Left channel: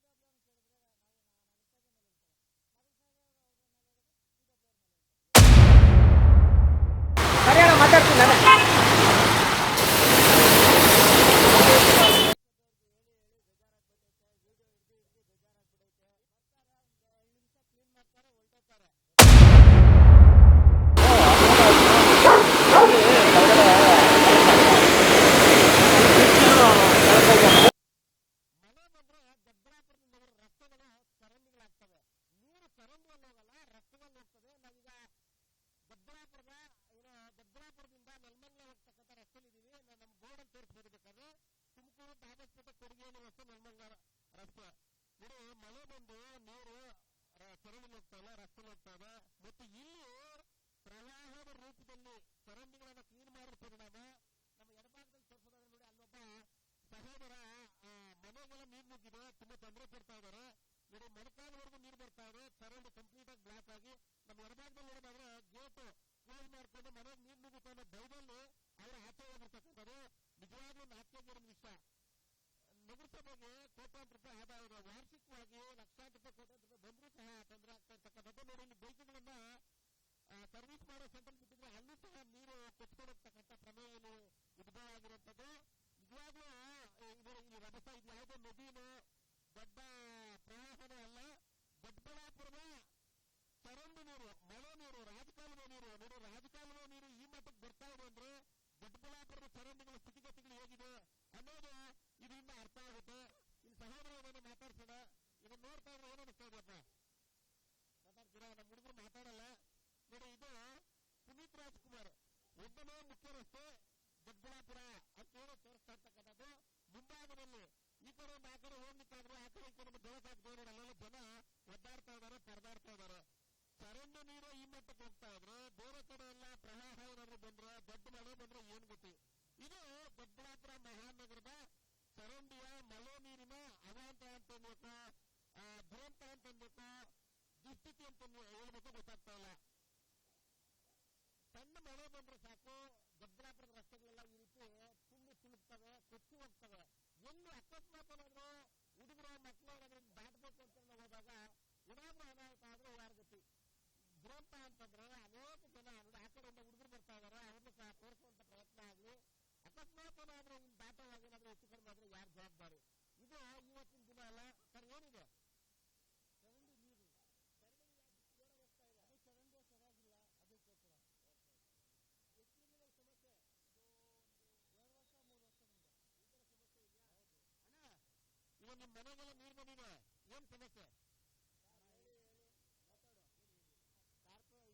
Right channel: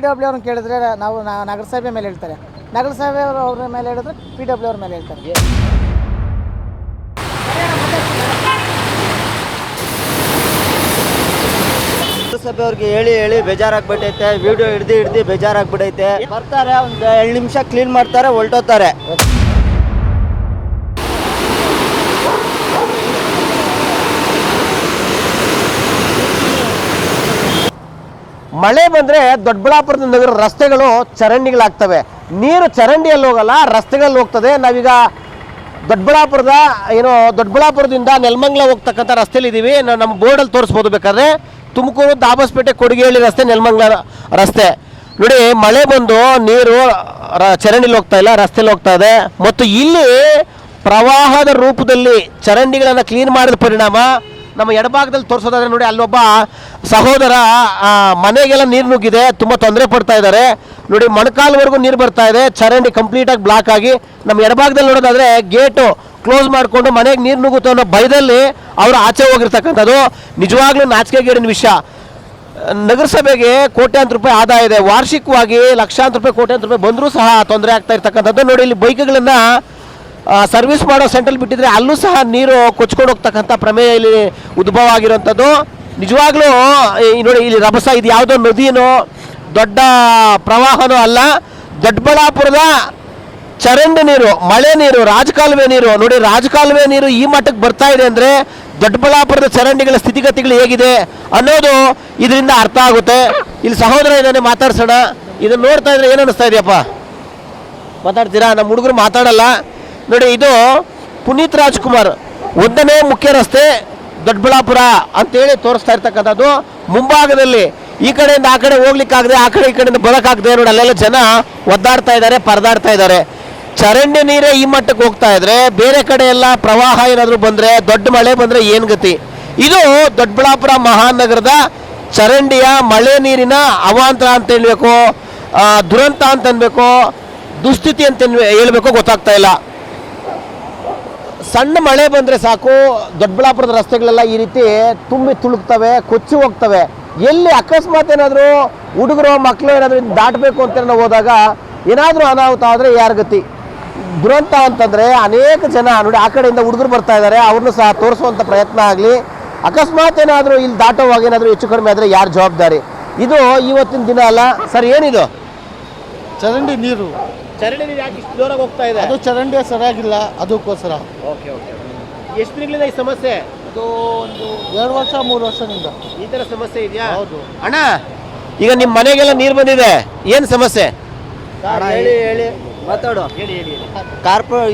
PW ಅವ್ರನ್ನ ಕೇಳಿದ್ರೆ ನಾವು ನಗರಸಭೆ ಮೇಲೆ ಹೇಳ್ತಾರೆ, ನಗರಸಭೆ ಅವ್ರ ಮೇಲೆ ಹೇಳಿದ್ರೆ PW ಅವ್ರ ಮೇಲೆ ಹೇಳ್ತಾರೆ. ನಗರಸಭೆ ಅವ್ರಿಗೆ ಹೇಳಿ ಹೇಳಿ ಬೇಜಾರಾಗ್ಬಿಟ್ಟೈತೆ. ವಿಡಿಯೋ ಹಿಡ್ದು ಬೇಜಾರಾಗ್ಬಿಟ್ಟೈತೆ. ಬರ್ತಾರೆ, ಒಂದು 2 ನಿಮಿಷ ಕ್ಲೀನ್ ಮಾಡ್ತಾರೆ, ಹೊರಟೋತಾರೆ. ಮಳೆ ಬಂದರೆ ದೊಡ್ಡಬಳ್ಳಾಪುರದ ನಗರ ರಸ್ತೆಗಳು ಚರಂಡಿಗಳಾಗ್ತವೆ. ನೀರು ಚರಂಡಿಯಲ್ಲಿ ಹೋಗಲ್ಲ, ರಸ್ತೆಗಳಲ್ಲಿ ಹೋಗ್ತದೆ. ನಾವೀಗ ದೊಡ್ಡಬಳ್ಳಾಪುರದಿಂದ ನೆಲಮಂಗಲ ಹೋಗ್ತಕ್ಕಂಥ ರಸ್ತೆಯಲ್ಲಿ ಇದ್ದೀವಿ. ನಮ್ಮ ಬೋರ್ಡಲ್ಲಿ ತೋರಿಸ್ಬೋದು ಬೇಕಾದ್ರೆ. ತುಮಕೂರು ದಾಬಸ್ಪೇಟೆ ಕೊಡಿಗೇಹಳ್ಳಿ ರಸ್ತೆ, ನೆಲಮಂಗಲ ರಸ್ತೆ. ನೋಡಿ, ಮಳೆ ಬಂದು ನೀರು ಚರಂಡಿಲಿ ಹೋಗ್ತಾ ಇಲ್ಲ, ರಸ್ತೆಯಲ್ಲಿ ಹೋಗ್ತಾ ಇದೆ. ಮತ್ತು ಇಲ್ಲಿ ಪ್ರವಾಹದ ರೂಪದಲ್ಲಿ ಚರಂಡಿಗಳನ್ನು ಕ್ಲೀನ್ ಮಾಡಿದ ಪರಿಣಾಮ ನಮ್ಮ ಎಡಭಾಗದಲ್ಲಿ ತೋರಿಸೋದಾದ್ರೆ ನೋಡಿ, ಅಲ್ಲೊಬ್ಬ ಸಹೋದರ ಮನೆಗೆಲ್ಲ ನೀರು ನುಗ್ಗಿದೆ, ತುಂಬ ತೊಂದರೆ ಪಡ್ತಾ ಇದ್ದಾರೆ. ನೋಡಿ, ಮೊಣಕಾಲ್ವರೆಗೂ ನೀರು ಬರ್ತಾ ಇದೆ, ಚರಂಡಿ ಕಂಪ್ಲೀಟಾಗಿ ಬ್ಲಾಕ್ ಆಗಿ. ನಮ್ಮ ಎಡಭಾಗದಲ್ಲಿ ನೋಡೋದಾದ್ರೆ ಗೇಟು ಕ್ಲೋಸ್ ಮಾಡಿಕೊಂಡು ಮನೆಗೆ ನೀರು ನುಗ್ಗುತ್ತೆ ಅನ್ನೋ ಭಯದಲ್ಲಿ ಅವರು ಆಚೆ ಹೋಗಿರ್ತಕ್ಕಂಥದ್ದು. ನಿಜವಾಗ್ಲೂ ನಾಚಿಕೆಗೇಡಿನ ವಿಷಯ. ನಗರಸಭೆಗೆ ಕೋಟ್ಯಾಂತರ ರೂಪಾಯಿ ಆದಾಯ ಇದೆ, ವಾರ್ಷಿಕವಾಗಿ ಲಕ್ಷಾಂತರ ರೂಪಾಯಿ ಕೋಟ್ಯಾಂತರ ರೂಪಾಯಿ ಬಂದರೂ ಸಹ ತೊಂದರೆ ಆಗ್ತಾ ಇರ್ತಕ್ಕಂಥದ್ದು. ನೋಡಿ, ಇಲ್ಲಿ ಬೈಕ್ಗಳನ್ನು ಸರ್ವಿಸ್ ಮಾಡೋ ಸೆಂಟ್ರಲ್ಲಿ ಬಿಟ್ಟಿದ್ರೆ ಅಲ್ಲೂ ಸಹ ನೀರು ಕೊಚ್ಕೊಂಡು ಹೋಗ್ತಕ್ಕಂಥ ಪ್ರಮೇಯ ಇಲ್ಲಿ ಉದ್ಭವ ಆಗಿರೋಂಥದ್ದು. ನಿಜವಾಗ್ಲೂ ನೋಡಿ, ಇಲ್ಲಿ ರಭಸ, ಇದು ಯಾವುದೋ ನದಿನೋ ದೊಡ್ಡ ಪ್ರವಾಹನೋ ಅಲ್ಲ, ದೊಡ್ಡಬಳ್ಳಾಪುರದ ಚರಂಡಿ ನೀರು, ಮಳೆ ನೀರು, ರಾಜಕಾಲುವೆ ನೀರು. ನೋಡಿ, ರಾಜಕಾಲುವೆ ನೀರು ಈ ಮಟ್ಟಕ್ಕೆ ಬರ್ತಾ ಇದೆ ಅಂದರೆ ದೊಡ್ಡಬಳ್ಳಾಪುರದ ಚರಂಡಿಗಳ ಸ್ಥಿತಿಗತಿಗಳು ಹೇಗಿದೆ ಅನ್ನೋದು ಇದರಿಂದ ಅರ್ಥ ಆಗುತ್ತೆ. ಇಲ್ಲಿ ಸಹೋದರ ಇದ್ದಾನೆ, ಮಾತಾಡ್ಸೋಣ. ಇದನ್ನು ನೋಡ್ತಾ ಇದ್ರೆ ಏನು ಅನ್ನಿಸ್ತಾ ಇದೆಯಪ್ಪ? ಮಾತಾಡ್ತೀರಾ? ನಮ್ಮ ಹುಡುಗರು ಮಾತಾಡಲ್ಲ. ನೋಡಿ, ಇದು ಪುನೀತ್ ರಾಜ್ಕುಮಾರ್ 1ನೇ ಮುಖ್ಯ ರಸ್ತೆ ದೊಡ್ಡಬಳ್ಳಾಪುರ ಅಂತೇಳಿ ತೋರಿಸ್ತಾ ಇರ್ತಕ್ಕಂಥದ್ದು. ಮುಂಭಾಗದಲ್ಲಿ ಈ ಕಡೆಯಿಂದ ಆ ಕಡೆ ಹೋಗ್ಲಿಕ್ಕಾಗದೆ, ಆ ಕಡೆ ಈ ಕಡೆಯಿಂದ ಬರೋಕ್ಕಾಗದೆ ನೋಡಿ, ಅಲ್ಲೆಲ್ಲ ಜನ ಒದ್ದಾಡ್ತಾ ಇದ್ದಾರೆ, ಪರದಾಡ್ತಾ ಇದ್ದಾರೆ. ಚರಂಡಿ ನೀರೇ ಈ ಮಟ್ಟಕ್ಕೆ ಹೋಗ್ತಾ ಇದ್ರೆ ಬೇರೆ ಕಡೆ ಎಲ್ಲ ಪ್ರವಾಹ ಏನಾದರೂ ಬಂದರೆ, ದೊಡ್ಡ ಮಳೆ ಬಂದರೆ ಏನು ಗತಿ? ಇದು ದೊಡ್ಡಬಳ್ಳಾಪುರ ಮಹಾನಗರದ ಚರಂಡಿಯ ಮಳೆ ನೀರಿನ ಅವಾಂತರ ಅಂತ ಹೇಳಬೇಕು, ದುರಂತ ಅಂತ ಅನ್ಬೇಕು, ದುಸ್ಥಿತಿ ಅಂತ ಹೇಳ್ಬೇಕು, ಗೊತ್ತಾಗ್ತಾ ಇಲ್ಲ. ಸಣ್ಣ ಮಳೆ ಬಂದರೆ ಸಾಕು, ದೊಡ್ಡಬಳ್ಳಾಪುರದ ರಸ್ತೆಗಳೆಲ್ಲ ಈ ರೀತಿ ತುಂಬಿ ತುಳುಕ್ತವೆ, ಕೊಚ್ಚಿ ಹೋಗ್ತವೆ. ಎಲ್ಲಿ ಅಕಸ್ಮಾತ್ ಏನಾದರೂ ಹುಡುಗರು ಮಕ್ಕಳು ಏನಾದರೂ ದಾಟಬೇಕು ಅಂತ ನಾವು ಹೋದಾಗ ಏನಾದರೂ ಅನಾಹುತ ಆದರೆ ಯಾರ ಗತಿ? ದುರಂತ ಅಂತಂದರೆ ಅನೇಕ ಜನ ನೋಡಿ, ಆ ಕಡೆಯಿಂದ ಹುಡುಗರು ಬರ್ತಾ ಇದ್ದಾರೆ, ಅವ್ರನ್ನೂ ಸಹ ತೋರಿಸುವಂಥ ಪ್ರಯತ್ನ ಆಗಲಿ. ಅಕಸ್ಮಾತ್ ಏನಾದರೂ ಇಲ್ಲಿ ದಾಟೋವಾಗ ಏನಾದರೂ ಹೆಚ್ಚು ಕಡಿಮೆ ಆದರೆ ಯಾರು ಜವಾಬ್ದಾರಿ? ಇದು ಇವತ್ತಿನ ದಿನ ಅಲ್ಲ ಸರ್. ಏನಿದು? ಚರಂಡಿ ನೀರು. ಚರಂಡಿ ನೀರು ಯಾಕೆ ಇಷ್ಟು ಜೋರಾಗಿ ಹೋಗ್ತಾ ಇದೆ? ಅದು ಚರಂಡಿ ಸರಿಯಾಗಿಲ್ಲ, ಅದಕ್ಕೋಸ್ಕರ. ಓಕೆ. ಎಷ್ಟು ದಿನಗಳಿಂದ ಈ ಸಮಸ್ಯೆ? ಅದು ಒಂದು 2 ವರ್ಷ 3 ವರ್ಷದಿಂದ ಈ ಥರ ಸಮಸ್ಯೆ ಇದೆಯಾ? ಹೌದು ಅಣ್ಣ. ಈಗ ನಿಮ್ಮ ಮನೆಗೆಲ್ಲ ನೀರು ಬಂದಿದೆ, ಏನು ಸಮಸ್ಯೆ? ಹೇಳಿ ಮಾತಾಡು.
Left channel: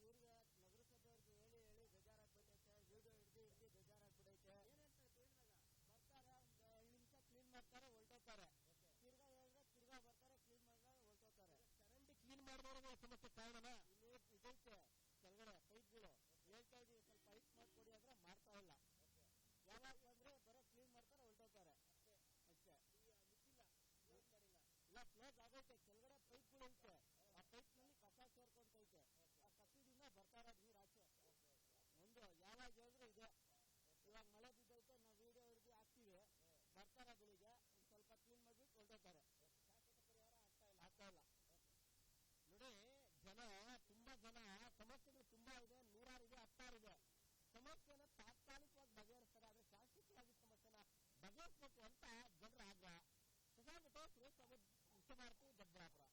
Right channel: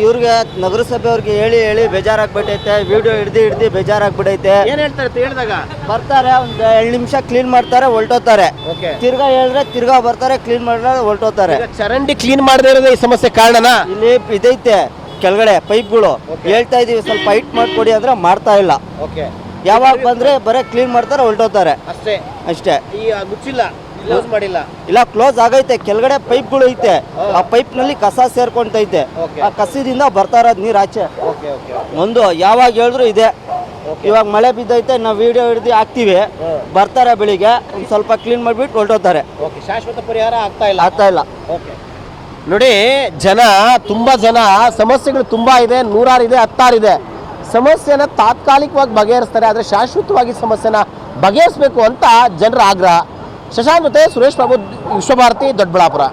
ಇವ್ರಿಗೆ ನಗರಸಭೆ ಅವ್ರಿಗೆ ಹೇಳಿ ಹೇಳಿ ಬೇಜಾರಾಗ್ಬಿಟ್ಟೈತೆ. ವಿಡಿಯೋ ಹಿಡ್ದು ಬೇಜಾರಾಗ್ಬಿಟ್ಟೈತೆ. ಏನು ಹೇಳ್ತಾರೆ ಹೇಳಿದಾಗ? ಬರ್ತಾರೆ, ಒಂದು 2 ನಿಮಿಷ ಕ್ಲೀನ್ ಮಾಡ್ತಾರೆ, ಹೊರಟೋತಾರೆ. ತಿರ್ಗಾ ಹೇಳಿದ್ರೆ ತಿರ್ಗಾ ಬರ್ತಾರೆ, ಕ್ಲೀನ್ ಮಾಡಿದ್ರೆ ಹೊರಟೋತಾರೆ. ಚರಂಡಿ ಕ್ಲೀನ್ ಮಾಡದೇ ಇರೋದೇ ಈ ಸಮಸ್ಯೆ ಕಾರಣನಾ? ಇಲ್ಲಿ ಇದೈತೆ ಕೆಳಗಡೆ ಪೈಪ್ಗಳು, ಹೇಳ್ತಾ ಇದೀವಿ ಸ್ವಲ್ಪ ಹೈಟ್ ಮಾಡ್ಕೊಡಿ ಅಂದ್ರೆ ಮಾಡ್ತಾ ಇಲ್ಲ. ಯಾವಾಗ ಬಂದ್ರೆ ಬರೀ ಕ್ಲೀನ್ ಮಾಡ್ತಾರೆ, ಹೊರಟೋತಾರೆ ಅಷ್ಟೇ. ಮುಚ್ಚಿಲ್ಲ, ಕ್ಲೋಸ್ ಮಾಡಿಲ್ಲ. ಇಲ್ಲ, ಕ್ಲೋಸ್ ಆಗೈತೆ. ಕೆಳಗಡೆ ಪೈಪ್ಗಳು ಐತೆ, ಆ ಪೈಪ್ ನಲ್ಲಿ ಕಸ ಸೇರ್ಕೊಂತೈತೆ. ಆ ಕಸದಿಂದ ಬರ್ತಾ ಇರೋದು ನೀರು ಆಚೆ. ಒಂದು ಯಾವಾಗ ಹೇಳಿದ್ರು ಇದೆ. ಇವಾಗ ಮಳೆ ಬಿದ್ದೈತೆ, ನಾವು ವಿಡಿಯೋ ಹಿಡಿದು ಹಾಕ್ತಿವಿ, ಬರ್ತಾರೆ ಬೆಳಿಗ್ಗೆ, ಒಂದು ಸ್ವಲ್ಪ ಕ್ಲೀನ್ ಮಾಡಿಬಿಟ್ಟು ಹೊರಟೋತಾರೆ. ಶಾಶ್ವತ ಪರಿಹಾರ ಆಗ್ತಾ ಇಲ್ಲ. ನೋಡಿ, ತುಂಬ ಜನ ಸಮಸ್ಯೆಗಳು ತುಂಬ ಇದೆ, 100 ಇದೆ, 10 ಇದೆ. ಸಮಸ್ಯೆನ ತಾತ್ಕಾಲಿಕವಾಗಿ ಬಗೆಹರಿಸ್ತಾರೆ, ಆದರೆ ಶಾಶ್ವತವಾಗಿ ಸಮಸ್ಯೆನ ಬಗೆಹರಿಸಬೇಕು ಅಂತ ಜನರ ಆಗ್ರಹ. ಶಶಾಂಕ್ ಮತ್ತೆ ಸುರೇಶ್ ಬಾಬು, ವಿಶ್ವಭಾರತಿ, ದೊಡ್ಡಬಳ್ಳಾಪುರ.